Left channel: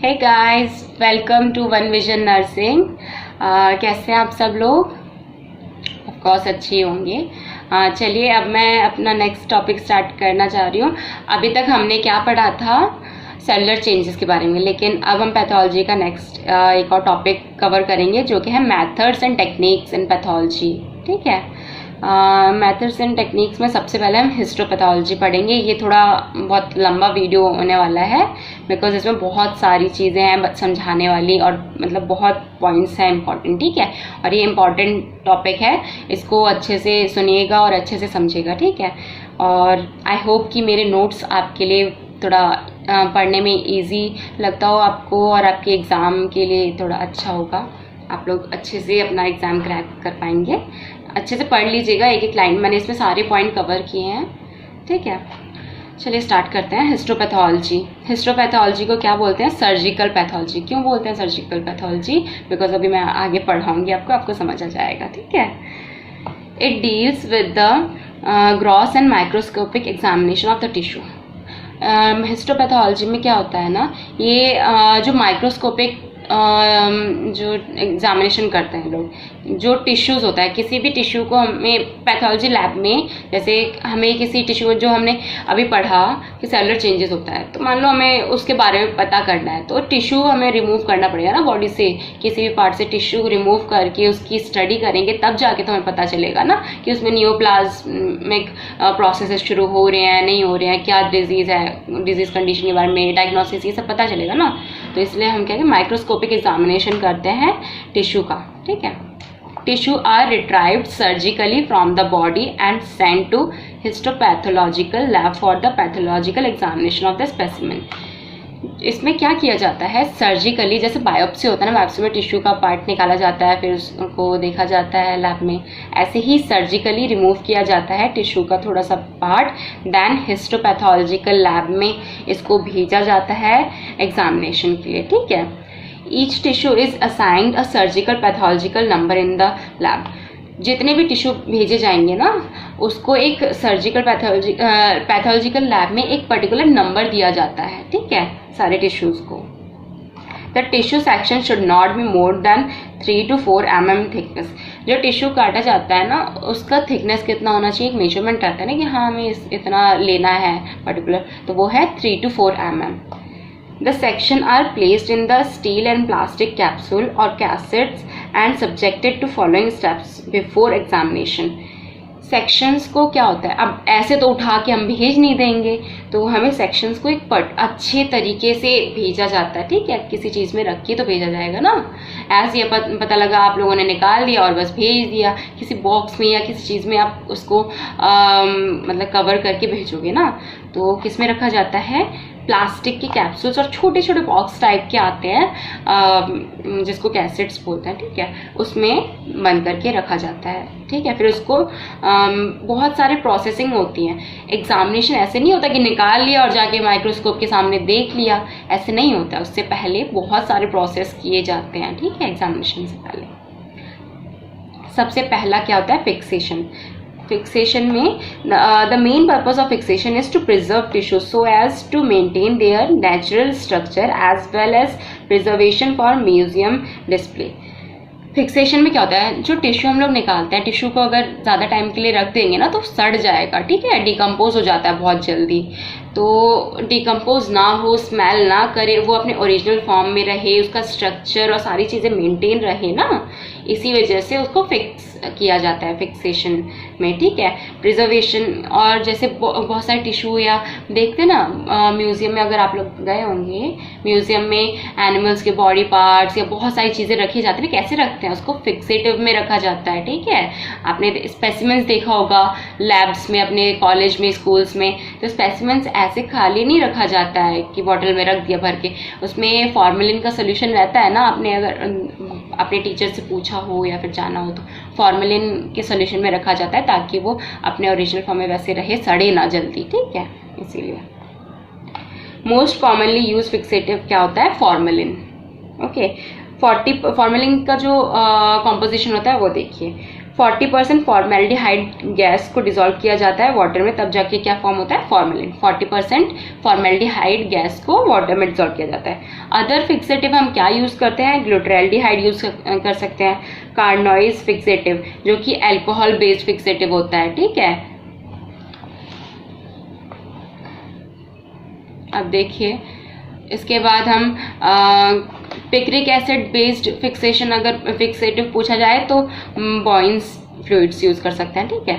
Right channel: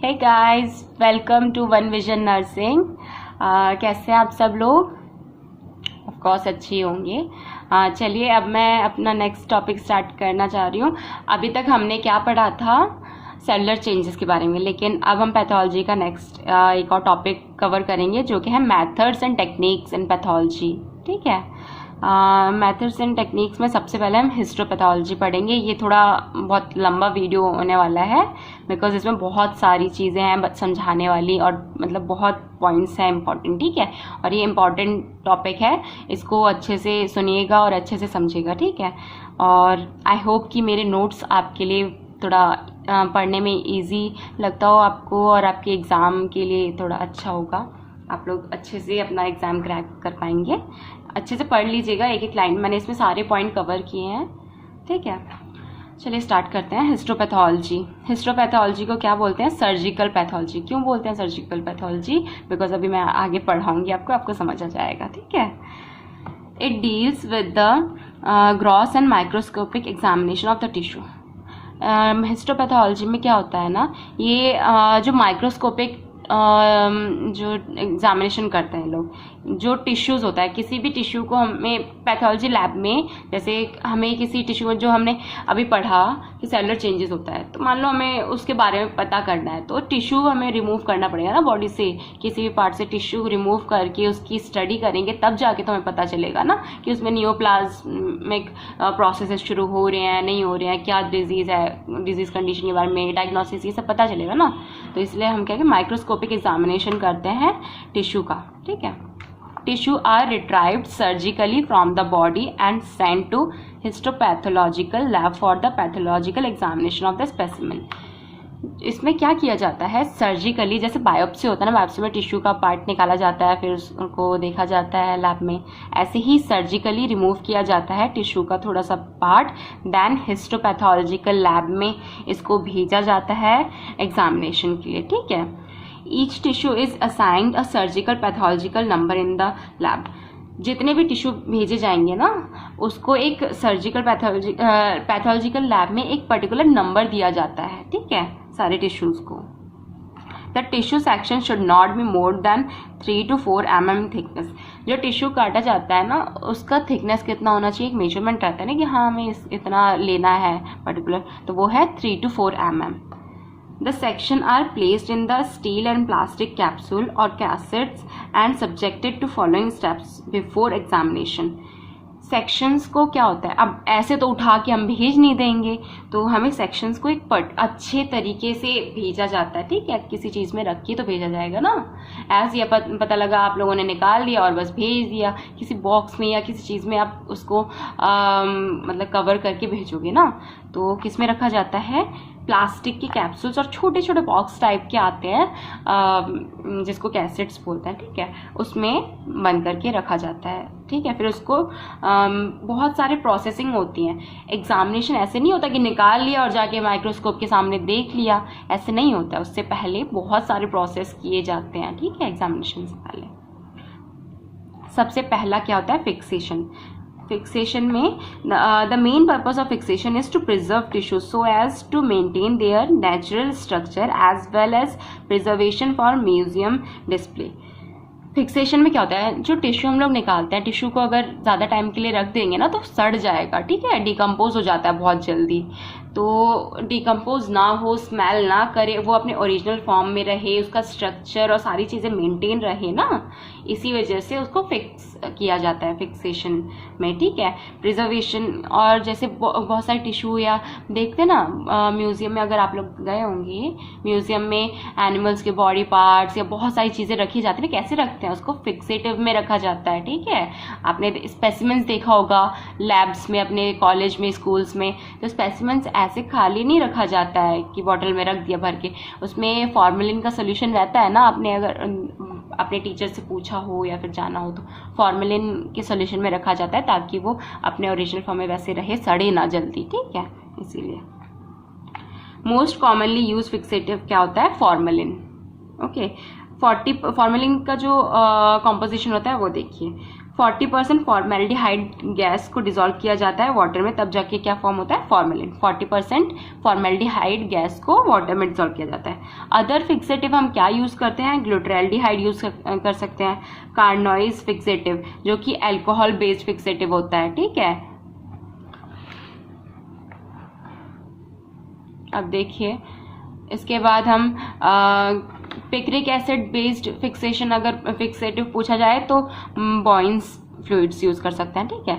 Hey guys, welcome to one vision nursing. कैसे हैं आप सब लोग? ऑफ कोर्स अच्छी होंगे। चलिए अब मैं अपना नेक्स्ट टॉपिक स्टार्ट करना चाह रही हूँ। अभी तक हमने क्या पढ़ा था? सेलुलर चेंजेस के बारे में, लेकिन अब हम पैथोलॉजी का नेक्स्ट एक और टॉपिक कवर करेंगे जो कि है methods and techniques in pathology. ठीक है, मेथड्स एंड टेक्निक्स में सबसे पहले हम हिस्टोपैथोलॉजी पढ़ेंगे। ये थोड़ा बहुत लंबा वीडियो होने वाला है बिकॉज इसमें बहुत सारी चीज़ें हैं समझाने वाली और मतलब बहुत पॉइंट्स हैं इंपॉर्टेंट। ठीक है, और ये इम्पॉर्टेंट टॉपिक है, इसको अच्छे से सुनिएगा और अच्छे से समझिएगा। ठीक है, और आई होप कि मेरे नोट्स आपके लिए थोड़ा पढ़ने में इजी लगता हो आपको और आपके एग्ज़ाम के लिए थोड़ा अच्छा होगा। आप लोग अच्छे से अपना एग्ज़ाम क्रैक कर पाएंगे। अच्छे से पढ़ लीजिएगा, एक एक लाइन मैंने इसमें सारे पॉइंट कवर किए हैं। ठीक है, चलिए स्टार्ट करते हैं। हिस्टोपैथोलॉजी, हिस्टोपैथोलॉजी को क्या बोलते हैं? Surgical pathology. क्यों बोलते हैं सर्जिकल पैथोलॉजी? बिकॉज अभी मैं आगे पढ़ाऊंगी आपको समझ आ जाएगा। ठीक है, it deals with the gross and microscopic examination of the tissue. Histopathology में क्या होता है ना, ये जो माइक्रोस्कोपिक जो एग्जामिनेशन करते हैं लोग, जो टिश्यूज़ होता है, किसी भी टिश्यू को हमें पैथोलॉजी लैब में, जैसे हमें किसी टिश्यू जो हमने अभी पढ़ा कि सेलुलर चेंजेस होता है, तो मान लो हमें उसके बारे में पता करना है, तो टिश्यू हमें रिमूव करना पड़ेगा ना बॉडी से। किसी भी पार्ट से टिश्यू रिमूव करके उसकी स्टडी करेंगे तब जाके तो हमें पता चलेगा ना कि उसमें नियोप्लाज्मिक प्रोसेसेस शुरू हो रहे हैं नहीं हो रहे हैं, क्या डिजीज़ है, डिजीज़ कंडीशन के बारे में, डायग्नोसिस, ये सब पता चलेगा ना। तो इसलिए हम क्या माइक्रोस्कोपिक एग्जामिनेशन करते हैं टिश्यू का। ठीक है, tissue are retrieved surgically from the body and sent to histopathological lab for the pathological examination of the specimen. इसमें क्या किया जाता है? सर्जिकली, जैसे बायोप्सी होता है ना, बायोप्सी में टिश्यू का पार्ट निकाला जाता है फिर उसको देखा जाता है लैब में, ऐसे ही सर्जिकली रिमूव किया जाता है टिश्यू का थोड़ा सा पार्ट, देन हिस्टोपैथोलॉजिकल लैब में इसको भेजा जाता है एग्जामिनेशन के लिए। ठीक है, each tissue is assigned a surgical pathological number in the lab. जितने भी टिश्यू भेजे जाएंगे ना, उसको एक सर्जिकल पैथोलॉजिकल लैब में एक पर्टिकुलर नंबर दिया जाता है। ठीक है, सारे टिश्यूज़ को। The tissue section should not be more than 3 to 4 mm thickness. जो टिश्यू काटा जाता है ना, उसका थिकनेस कितना होना चाहिए, एक मेजरमेंट रहता है ना कि हाँ हमें इतना लेना है पर्टिकुलर, तो वो है 3 to 4 mm। The section are placed in the steel and plastic capsule or cassettes and subjected to following steps before examination. Sections को क्या होता है, अब ऐसे तो उठा के हम भेज नहीं देंगे, तो हमें सेक्शंस को एक अच्छे तरीके से भेजा जाता है। ठीक है, किसी चीज़ में रख के तो भेजा जाएगा ना, ऐसे ये पता लगा आप लोगों ने निकाल दिया और बस भेज दिया, किसी बॉक्स में या किसी चीज़ में आप उसको मतलब कवर करके भेजोगे ना, तो किस में रखा जाता है? प्लास्टिक की कैप्सूल्स और छोटे छोटे बॉक्स टाइप के आते हैं जिसको कैसेट्स बोलते हैं। ठीक है, उसमें बंद करके रखा जाता है। ठीक है, फिर उसको बहुत सारे प्रोसेसिंग होती हैं। एग्जामिनेशन ऐसे नहीं होता कि निकाल लिया और जाके माइक्रोस्कोप के सामने देख लिया, ऐसे नहीं होता। उससे पहले बहुत सारे प्रोसेस किए जाते हैं। ठीक है, एग्जामिनेशन से पहले सबसे पहला क्या होता है? फिक्सेशन। फिक्सेशन में the main purpose of fixation is to preserve tissue so as to maintain their natural structure as well as preservation for museum display। Fixation में क्या होता है? जो टिश्यू हम लोग निकालते हैं, टिश्यू को अगर ज़्यादा टाइम के लिए रख देंगे ना तो सड़ जाएगा। ठीक है, डिकम्पोज हो जाता है बहुत जल्दी, तो डिकम्पोज ना हो, स्मेल ना करे, वो अपने ओरिजिनल फॉर्म में रहे, उसका स्ट्रक्चर और सारी चीज़ें मेंटेन रहे ना, इसी वजह से उसको फिक्स किया जाता है फिक्सेशन में। ठीक है, प्रिजर्वेशन, और जैसे बहुत सारे टिश्यू या देखते ना म्यूजियम में, अगर आप लोग गए होंगे म्यूजियम में, एनिमल्स के बॉडी पार्ट्स या बहुत सारी चीज़ें रखी जाती है, कैसे रखते हैं? उसको फिक्सेटिव में रखा जाता है। ठीक है, आपने स्पेसिमेंस देखा होगा लैब्स में, अपने कॉलेज में, स्कूल्स में, तो स्पेसिमेंस ऐसे खाली नहीं रखा जाता है कि बॉटल में रख दिया भर के, उसमें फॉर्मेलिन का सोल्यूशन रहता है ना। आपने अगर अपने टीचर से पूछा हो या फिर जाना हो तो फॉर्मेलिन के सोल्यूशन में रखा जाता है ताकि वो अपने ओरिजिनल फॉर्म में वैसे रहे, सड़े ना जल्दी। ठीक है, इसीलिए मोस्ट कॉमनली यूज फिक्सेटिव क्या होता है? फॉर्मेलिन। ओके, फॉर्मेलिन का जो कॉम्पोजिशन होता है वो देखिए, 40% फॉर्मेल्डिहाइड गैस को डिसॉल्व किया जाता है वाटर में, तब जाके क्या फॉर्म होता है, फॉर्मेलिन। 40% फॉर्मेल्डिहाइड गैस को वाटर में डिसॉल्व किया जाता है। अदर फिक्सेटिव हम क्या यूज करते हैं, ग्लूटरैल्डिहाइड यूज कर सकते हैं, कार्नोइज फिक्सेटिव जो कि अल्कोहल बेस्ड फिक्सेटिव होता है, ठीक है। अब देखिए इसके बाद हम पिक्रिक एसिड बेस्ड फिक्सेशन, अगर फिक्सेटिव पूछा जाए तो बॉइंस फ्लूइड्स यूज कर सकते हैं, ठीक है।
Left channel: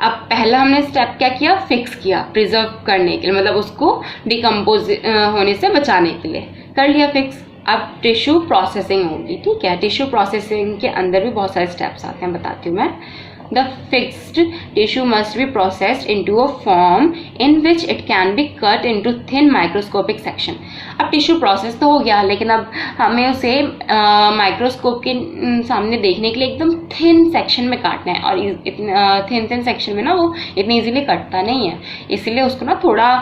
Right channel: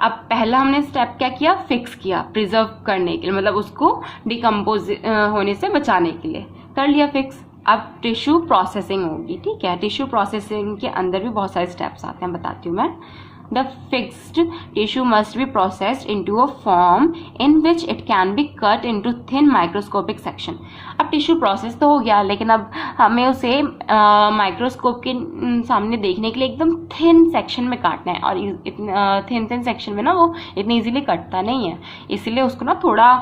अब पहला हमने स्टेप क्या किया, फिक्स किया प्रिजर्व करने के लिए, मतलब उसको डिकम्पोज होने से बचाने के लिए कर लिया फिक्स। अब टिश्यू प्रोसेसिंग होगी, ठीक है। टिश्यू प्रोसेसिंग के अंदर भी बहुत सारे स्टेप्स आते हैं, बताती हूँ मैं। The fixed tissue must be processed into a form in which it can be cut into thin microscopic section. अब टिश्यू प्रोसेस तो हो गया, लेकिन अब हमें उसे माइक्रोस्कोप के सामने देखने के लिए एकदम थिन सेक्शन में काटना है, और थिन सेक्शन में ना वो इतनी इजीली कटता नहीं है, इसलिए उसको ना थोड़ा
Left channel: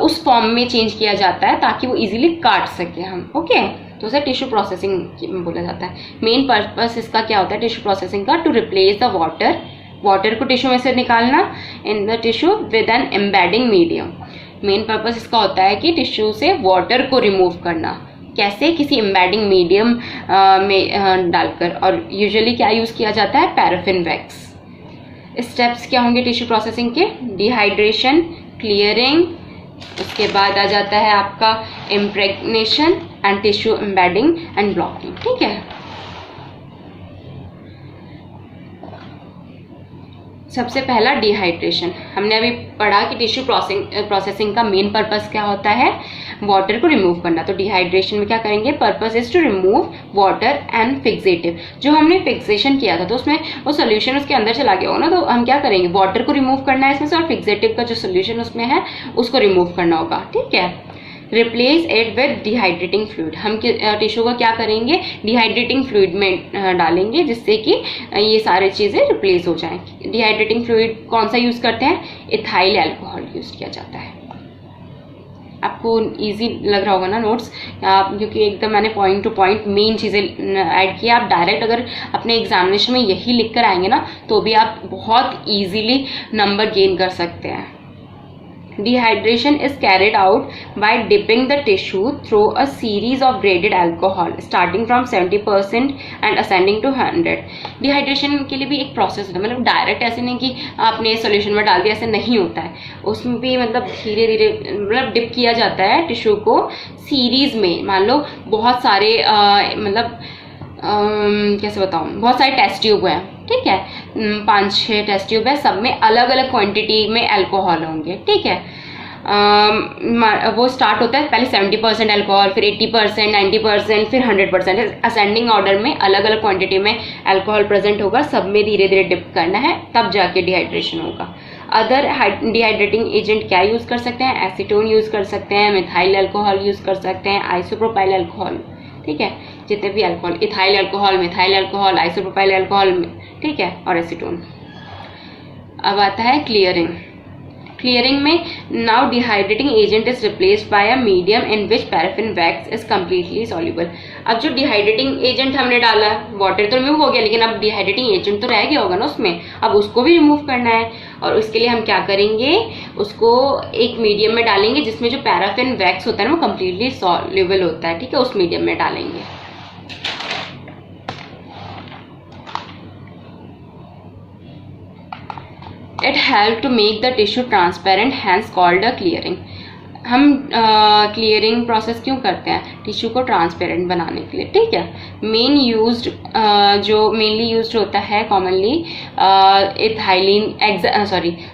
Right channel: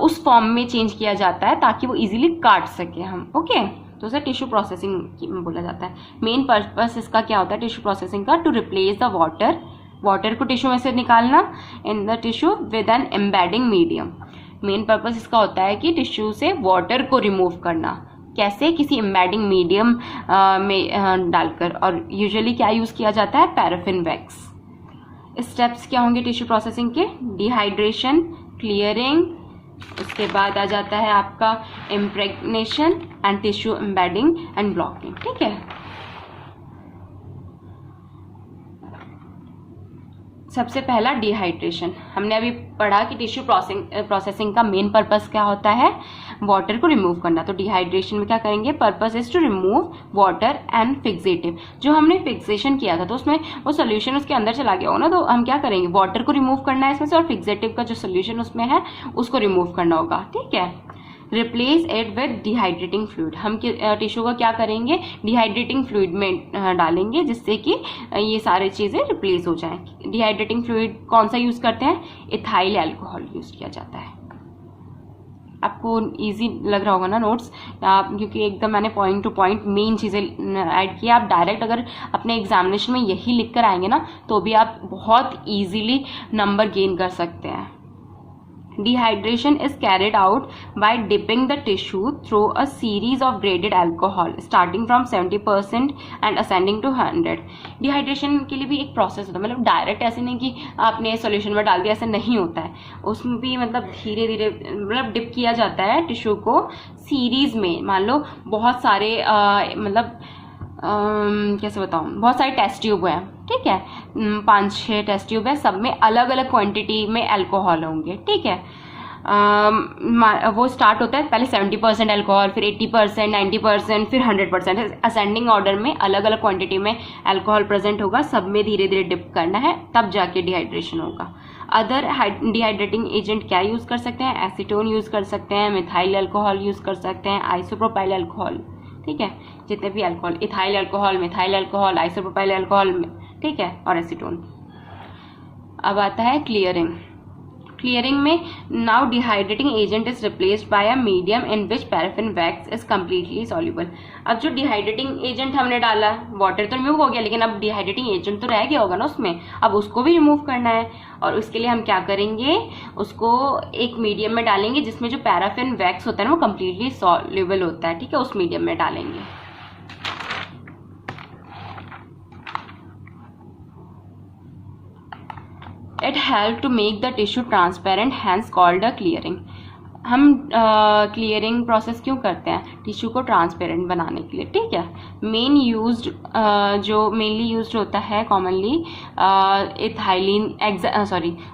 उस फॉर्म में चेंज किया जाता है ताकि वो इजीली काट सके हम, ओके। तो उसे टिश्यू प्रोसेसिंग बोला जाता है। मेन पर्पस इसका क्या होता है टिश्यू प्रोसेसिंग का, टू रिप्लेस द वाटर को टिश्यू में से निकालना in the tissue with an embedding medium. Main purpose इसका होता है कि टिश्यू से वाटर को रिमूव करना, कैसे, किसी एम्बेडिंग मीडियम में डालकर, और यूजुअली क्या यूज किया जाता है, पैराफिन वैक्स। स्टेप्स क्या होंगे टिश्यू प्रोसेसिंग के, डिहाइड्रेशन, क्लियरिंग, उसके बाद आ जाता है आपका impregnation and tissue embedding and blocking, ठीक है। सबसे पहला डिहाइड्रेशन, हमने अभी पढ़ा कि टिश्यू प्रोसेसिंग का मेन पर्पस क्या होता है, वाटर को रिमूव करना। तो डिहाइड्रेशन में क्या करेंगे, purpose is to remove water and fixative. जो हमने फिक्सेशन किया था तो उसमें वो सोल्यूशन उसके अंदर चला गया होगा ना, तो हम क्या करेंगे, वाटर को रिमूव करना है इसमें से, और फिक्सेटिव का जो सोल्यूशन उसमें है उसको रिमूव करना होगा, ठीक है। Replace it with dehydrating fluid, हम टिश्यू को क्या करेंगे, डिहाइड्रेटिंग फ्लूइड में डालेंगे, जिससे कि ये सारी चीज़ें रिप्लेस हो जाएं। डिहाइड्रेटिंग फ्लूइड कौन सा यूज़ करते हैं, इथाइल अल्कोहल यूज़ किया जाता है। आपको इजी लग रहा होगा ना नोट्स, क्योंकि एकदम मैंने पॉइंट टू पॉइंट मेन चीज़ें ऐड किया। आप डायरेक्ट अगर अपने एग्जामिनेशन में यही लिख कर आएंगे ना, तो भी आप बहुत ईजीली नंबर गेन कर सकते हैं। Dehydration is carried out by dipping the tissue through a series of graded alcohol starting from 70% and ascending to 100. Dehydration के लिए भी एक प्रोसेस होता है, मतलब डायरेक्ट ऐसे नहीं कि आपने सॉल्यूशन में डाल दिया, ऐसे नहीं होता है। उसमें भी मतलब धीरे धीरे मतलब डिप किया जाता है टिश्यू को सीरीज में। मान लो बहुत सारे मतलब कैसे बताऊँ, बहुत सारे टेस्ट ट्यूब हैं, ठीक है, 5-6 टेस्ट ट्यूब है, सब में अलग अलग क्वांटिटी में अल्कोहल होंगे, ठीक है। वो स्टार्ट होता है पहले 70% अल्कोहल, फिर 80%, 90%, फिर 100%, असेंडिंग ऑर्डर में अलग अलग क्वांटिटी में अल्कोहल प्रेजेंट होगा, सब में धीरे धीरे डिप करना है, तब जाके डिहाइड्रेशन होगा। अदर डिहाइड्रेटिंग एजेंट क्या यूज़ कर सकते हैं, एसीटोन यूज़ कर सकते हैं, मिथाइल अल्कोहल यूज़ कर सकते हैं, आइसोप्रोपाइल अल्कोहल, ठीक है, जितने भी alcohol, ethyl alcohol, methyl alcohol, isopropyl alcohol, ठीक है, और एसीटोन। अब आता है क्लियरिंग। क्लियरिंग में now dehydrating agent is replaced by a medium in which paraffin wax is completely soluble. अब जो डिहाइड्रेटिंग एजेंट हमने डाला, वाटर तो रिमूव हो गया, लेकिन अब डिहाइड्रेटिंग एजेंट तो रह गया होगा ना उसमें, अब उसको भी रिमूव करना है, और उसके लिए हम क्या करेंगे, उसको एक मीडियम में डालेंगे जिसमें जो पैराफिन वैक्स होता है ना वो कम्प्लीटली सॉल्युबल होता है, ठीक है, उस मीडियम में डालेंगे। It helps to make the tissue transparent, hence called a clearing. हम क्लियरिंग प्रोसेस क्यों करते हैं, टिश्यू को ट्रांसपेरेंट बनाने के लिए, ठीक है। मेन यूज्ड जो मेनली यूज्ड होता है कॉमनली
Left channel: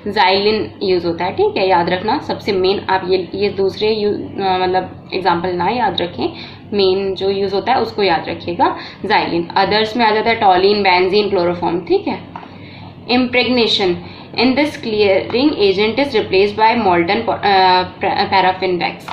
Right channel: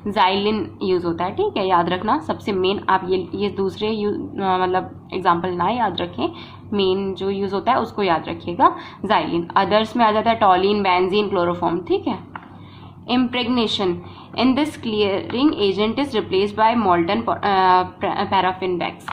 जाइलिन यूज होता है, ठीक है, याद रखना सबसे मेन। आप ये दूसरे मतलब एग्जांपल ना याद रखें, मेन जो यूज होता है उसको याद रखिएगा, जाइलिन। अदर्स में आ जाता है टॉलिन, बेंजीन, क्लोरोफॉर्म, ठीक है। इम्प्रेग्नेशन, in this clearing agent is replaced by molten paraffin wax.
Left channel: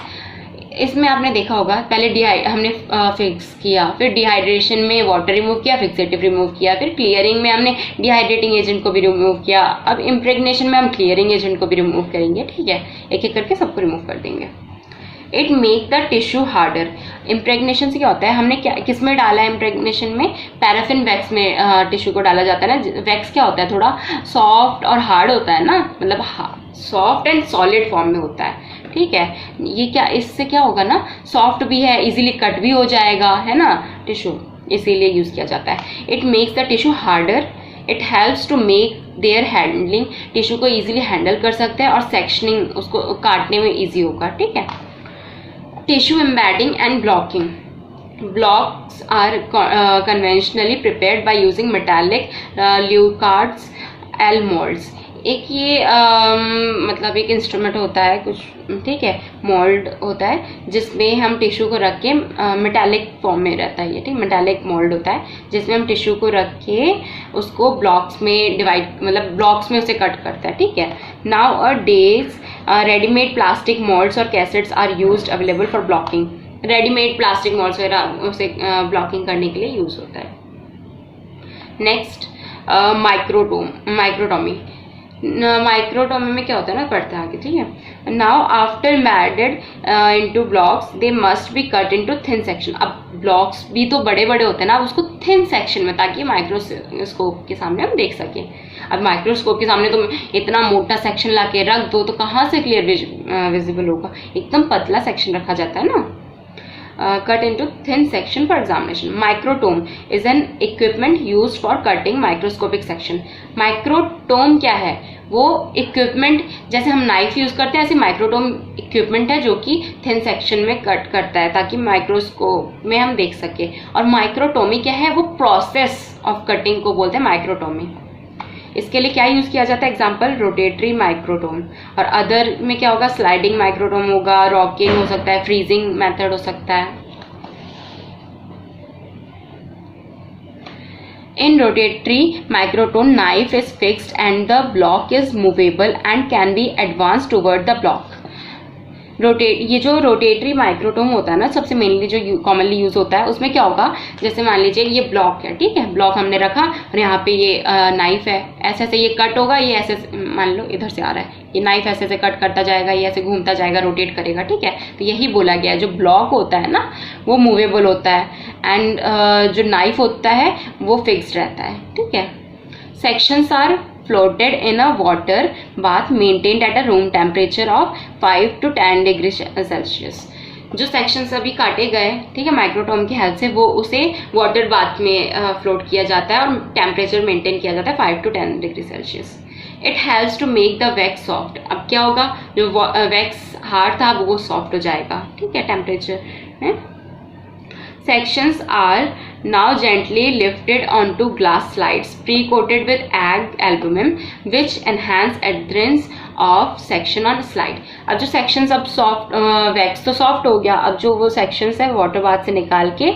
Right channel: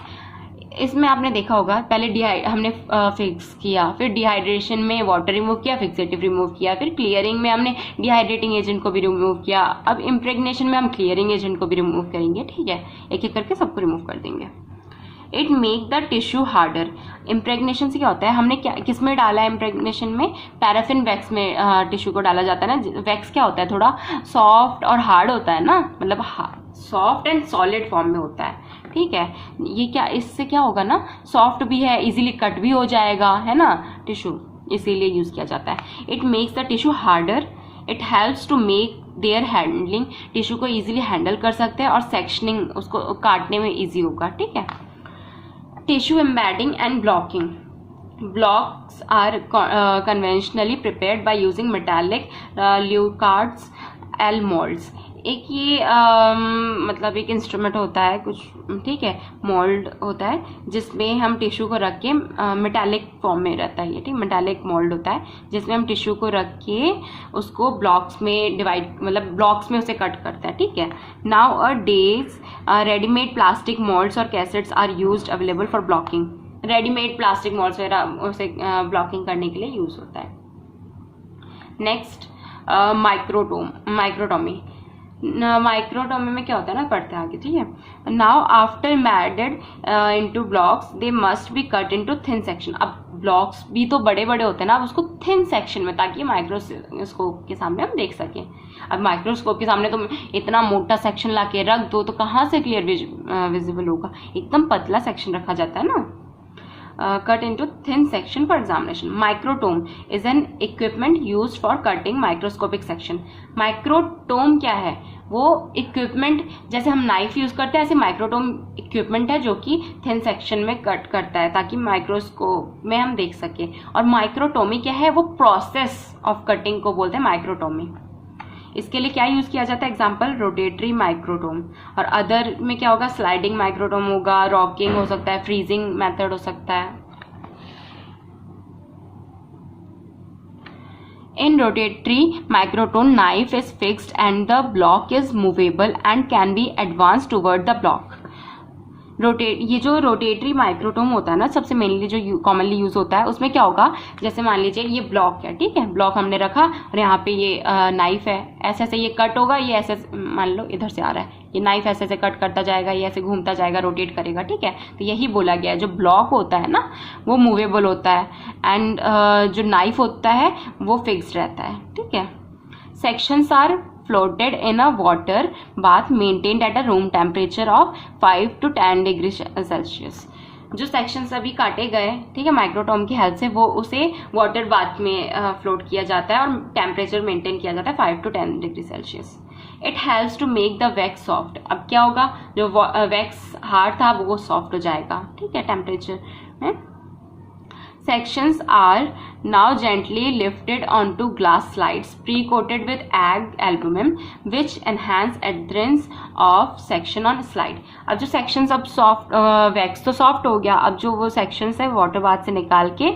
इसमें आपने देखा होगा पहले हमने फिक्स किया, फिर डिहाइड्रेशन में वाटर रिमूव किया, फिक्सेटिव रिमूव किया, फिर क्लियरिंग में हमने डिहाइड्रेटिंग एजेंट को भी रिमूव किया, अब इम्प्रेग्नेशन में हम क्लियरिंग एजेंट को भी रिमूव करेंगे, ठीक है, एक एक करके सबको रिमूव कर देंगे। It make the tissue harder. Impregnation से क्या होता है, हमने क्या किस में डाला है इम्प्रेगनेशन में, पैराफिन वैक्स में टिश्यू को डाला जाता है ना। वैक्स क्या होता है, थोड़ा सॉफ्ट और हार्ड होता है ना, मतलब सॉफ्ट एंड सॉलिड फॉर्म में होता है, ठीक है। ये क्या, इससे क्या होगा ना, सॉफ्ट भी है, इजीली कट भी हो जाएगा, है ना टिश्यू, इसीलिए यूज किया जाता है। It makes the tissue harder, it helps to make their handling, tissue को इजीली हैंडल कर सकते हैं और सेक्शनिंग, उसको काटने में इजी होगा, ठीक है। Tissue embedding and blocking, blocks are conventionally prepared by using metallic leucards L molds। एक ये मतलब एक इंस्ट्रूमेंट होता है कुछ, ठीक है, मोल्ड होता है जिसमें हम टिश्यू को रख के, मेटालिक फॉर्म में रहता है ये, ठीक, मेटालिक मोल्ड होता है जिसमें हम टिश्यू को रख के उसको ब्लॉक्स में डिवाइड, मतलब ब्लॉक्स में उसे कट करता है, ठीक है। Nowadays readymade plastic moulds और cassettes are used available for blocking. Readymade plastic moulds वगैरह उसे ब्लॉकिंग करने के लिए यूज होता है। Next microtomy. माइक्रोटोमी में क्या होता है ना, पढ़ते हैं आगे, ठीक है। Now after made into blocks they must be cut into thin section. अब ब्लॉक्स भी तो बड़े बड़े होते हैं ना, उसको थिन सेक्शन में, ताकि माइक्रोस्कोप के सामने हम देख सकें। अब माइक्रोस्कोप के सामने तुम इतना मोटा सेक्शन ला के रख दो तो कहाँ से क्लियर विजिबल होगा, एकदम पतला सेक्शन रखा जाता है ना। Cut into thin section for examination. Microtome is an equipment used for cutting microscopic section. Microtome क्या है, वो इक्विपमेंट, जैसे हम नाइफ यूज करते हैं ऐसे माइक्रोटोम इक्विपमेंट है जो कि थिन सेक्शन में कट करता है ताकि माइक्रोस्कोप में हम देख सके। और माइक्रोटोमी क्या है, वो प्रोसेस ऑफ कटिंग को बोलते हैं माइक्रोटोमी। इसके लिए क्या यूज किया जाता है, एग्जांपल रोटेटरी माइक्रोटोम। और अदर में क्या होगा, स्लाइडिंग माइक्रोटोम होगा, रॉकिंग हो सकता है, फ्रीजिंग मेथड हो सकता है। In rotary microtome knife is fixed and the block is movable and can be advance toward the block. ये जो रोटेटरी माइक्रोटोम होता है ना, सबसे मेनली जो कॉमनली यूज होता है, उसमें क्या होगा, जैसे मान लीजिए ये ब्लॉक है, ठीक है, ब्लॉक हमने रखा और यहाँ पे ये नाइफ है, ऐसे ऐसे ये कट होगा, ये ऐसे मान लो इधर से आ रहा है, ये नाइफ ऐसे ऐसे कट करता जाएगा, ये ऐसे घूमता जाएगा, रोटेट करेगा, ठीक है। तो यही बोला गया है, जो ब्लॉक होता है ना वो मूवेबल होता है एंड जो नाइफ होता है वो फिक्स्ड रहता है, ठीक है। Sections are floated in a water bath maintained at a room temperature of 5 to 10 degree Celsius. जो सेक्शंस अभी काटे गए, ठीक है, माइक्रोटोम की हेल्प से, वो उसे वाटर बाथ में फ्लोट किया जाता है और टेम्परेचर मेंटेन किया जाता है 5 to 10 degree Celsius. It helps to make the wax soft. अब क्या होगा, जो वैक्स हार्ड था वो सॉफ्ट हो जाएगा, ठीक है, टेम्परेचर में। Sections are now gently lifted onto glass slides pre-coated with egg albumin which enhance adherence of section on slide। अब जो sections अब soft wax तो soft हो गया, अब जो वो sections है वाटर बाथ से निकाल के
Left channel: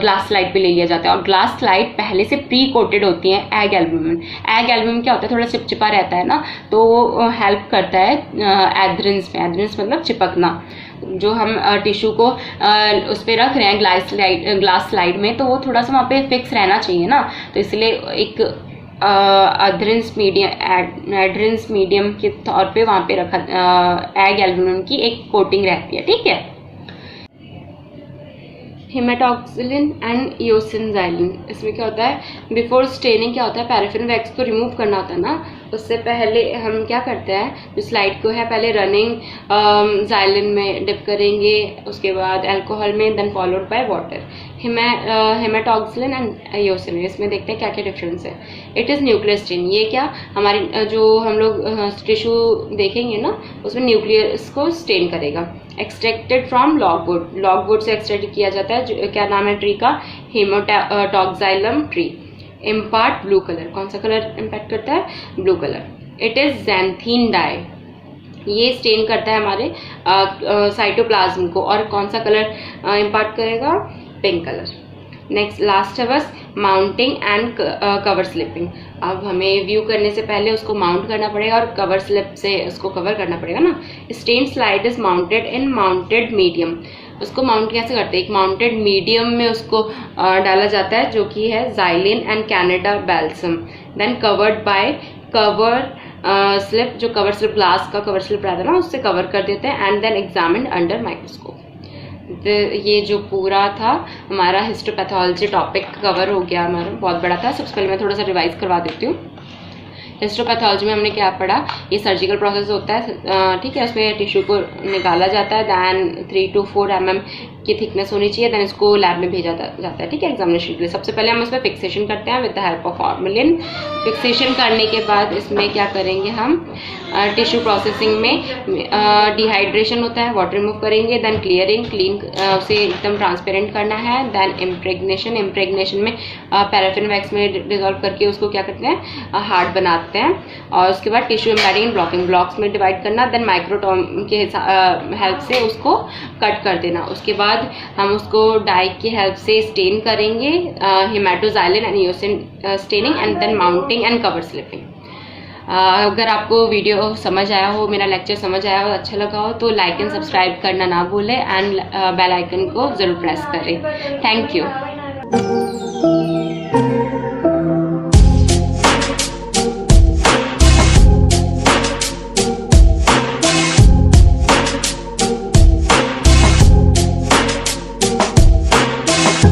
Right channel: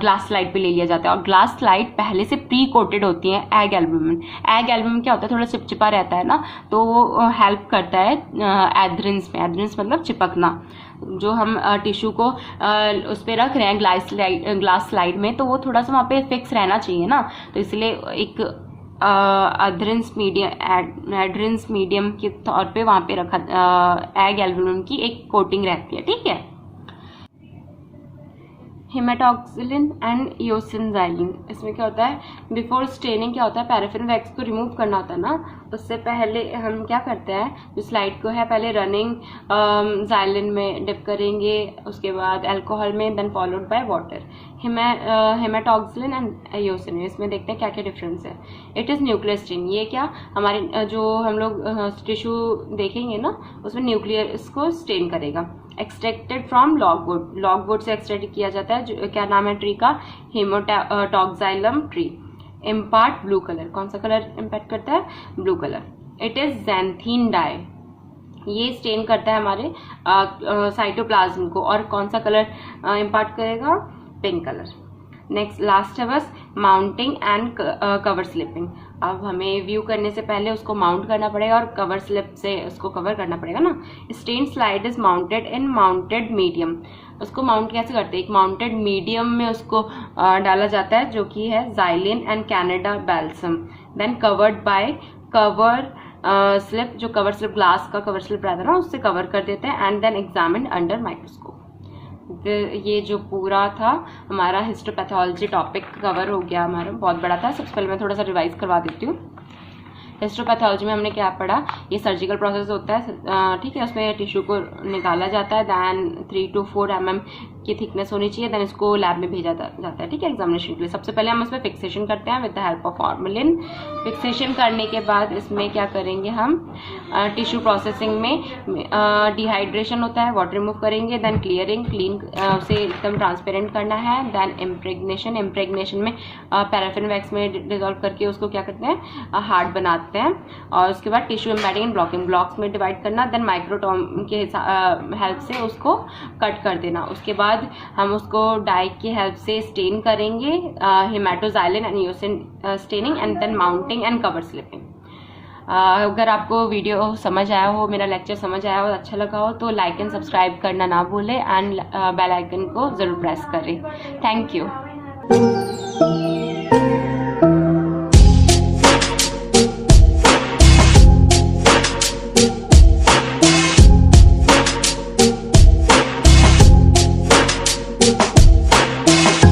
ग्लास स्लाइड पे ले लिया जाता है और ग्लास स्लाइड पहले से प्री कोटेड होती है एग एल्ब्यूमिन। एग एल्ब्यूमिन क्या होता है, थोड़ा चिपचिपा रहता है ना, तो हेल्प करता है एडहेरेंस में। एडहेरेंस मतलब चिपकना। जो हम टिश्यू को उस पर रख रहे हैं ग्लास स्लाइड में, तो वो थोड़ा सा वहाँ पे फिक्स रहना चाहिए ना, तो इसलिए एक एडहेरेंस मीडियम के तौर पे वहाँ पे रखा एग एल्ब्यूमिन की एक कोटिंग रहती है, ठीक है। हेमेटॉक्सिलिन एंड ईओसिनजाइलिन, इसमें क्या होता है, बिफोर स्टेनिंग क्या होता है, पैराफिन वैक्स को रिमूव करना होता है ना, उससे पहले हम क्या करते हैं, जो स्लाइड को है पहले रनिंग जाइलिन में डिप करेंगे, उसके बाद अल्कोहल में, then followed by water. Haematoxylin and eosin, इसमें देखते हैं क्या क्या डिफरेंस है। इट इज़ न्यूक्लियर स्टेन, ये क्या हमारे जो हम लोग टिश्यू देखेंगे ना उसमें न्यूक्लियस को स्टेन करेगा। एक्सट्रैक्टेड फ्रॉम लॉगवुड, लॉगवुड से एक्सट्रैक्ट किया जाता है, जो क्या नाम है ट्री का, haematoxylin tree. Impart blue colour, कौन सा कलर इम्पैक्ट करता है, blue colour. It is xanthene dye, ये स्टेन करता है हमारे साइटोप्लाज्म को, और कौन सा कलर इम्पार्ट करेगा, पिंक कलर। नेक्स्ट लास्ट है बस माउंटिंग एंड कवर स्लिपिंग। अब हमें व्यू करने से पहले उसको माउंट करना पड़ेगा और कवर स्लिप से उसको कवर करना पड़ेगा ना। Stain slide is mounted in mounted medium, उसको माउंट कैसे करते हैं, एक माउंटेड मीडियम में उसको डाला जाता है जो कि है xylene and Canada balsam, then covered by cover slip, जो कवर स्लिप, ग्लास का कवर स्लिप रहता है ना, उससे कवर कर देते हैं and then examine under microscope. ये जो पूरा था हमारा हिस्टोपैथोलॉजी टॉपिक कवर हो गया, हमारा बहुत बड़ा था। सबसे पहले मैं थोड़ा सा रिवाइज करवा देती हूँ। हिस्टोपैथोलॉजी में हमने क्या पढ़ा, ये सर्जिकल प्रोसेस होता है, ठीक है। उसमें टिश्यू को निकाला जाता है, दैन 3 to 4 mm की थिकनेस होनी चाहिए, दैन इसको लैब में भेजा जाता है, ठीक है, एग्जामिनेशन के लिए। सबसे पहले हम इसमें फिक्सेशन करते हैं with the help of formalin. Fixation करने के बाद इसमें क्या करेंगे हम, टिश्यू प्रोसेसिंग में डिहाइड्रेशन होता है, वाटर रिमूव करेंगे, दैन क्लीन उसे एकदम ट्रांसपेरेंट करना है, दैन इम्प्रेगनेशन में पैराफिन वैक्स में डिजोल्व करके उसको क्या करते हैं, हार्ड बनाते हैं। और उसके बाद टिश्यू एम्बेडिंग ब्लॉकिंग ब्लॉक्स में डिवाइड करना, देन माइक्रोटोम के हेल्प से उसको कट कर देना। उसके बाद हम उसको डाई की हेल्प से स्टेन करेंगे, haematoxylin and eosin staining, and then mounting and cover slipping. अगर आपको वीडियो समझ आया हो, मेरा लेक्चर समझ आया हो, अच्छा लगा हो, तो लाइक एंड सब्सक्राइब करना ना भूलें एंड बेल आइकन को ज़रूर प्रेस करें। Thank you.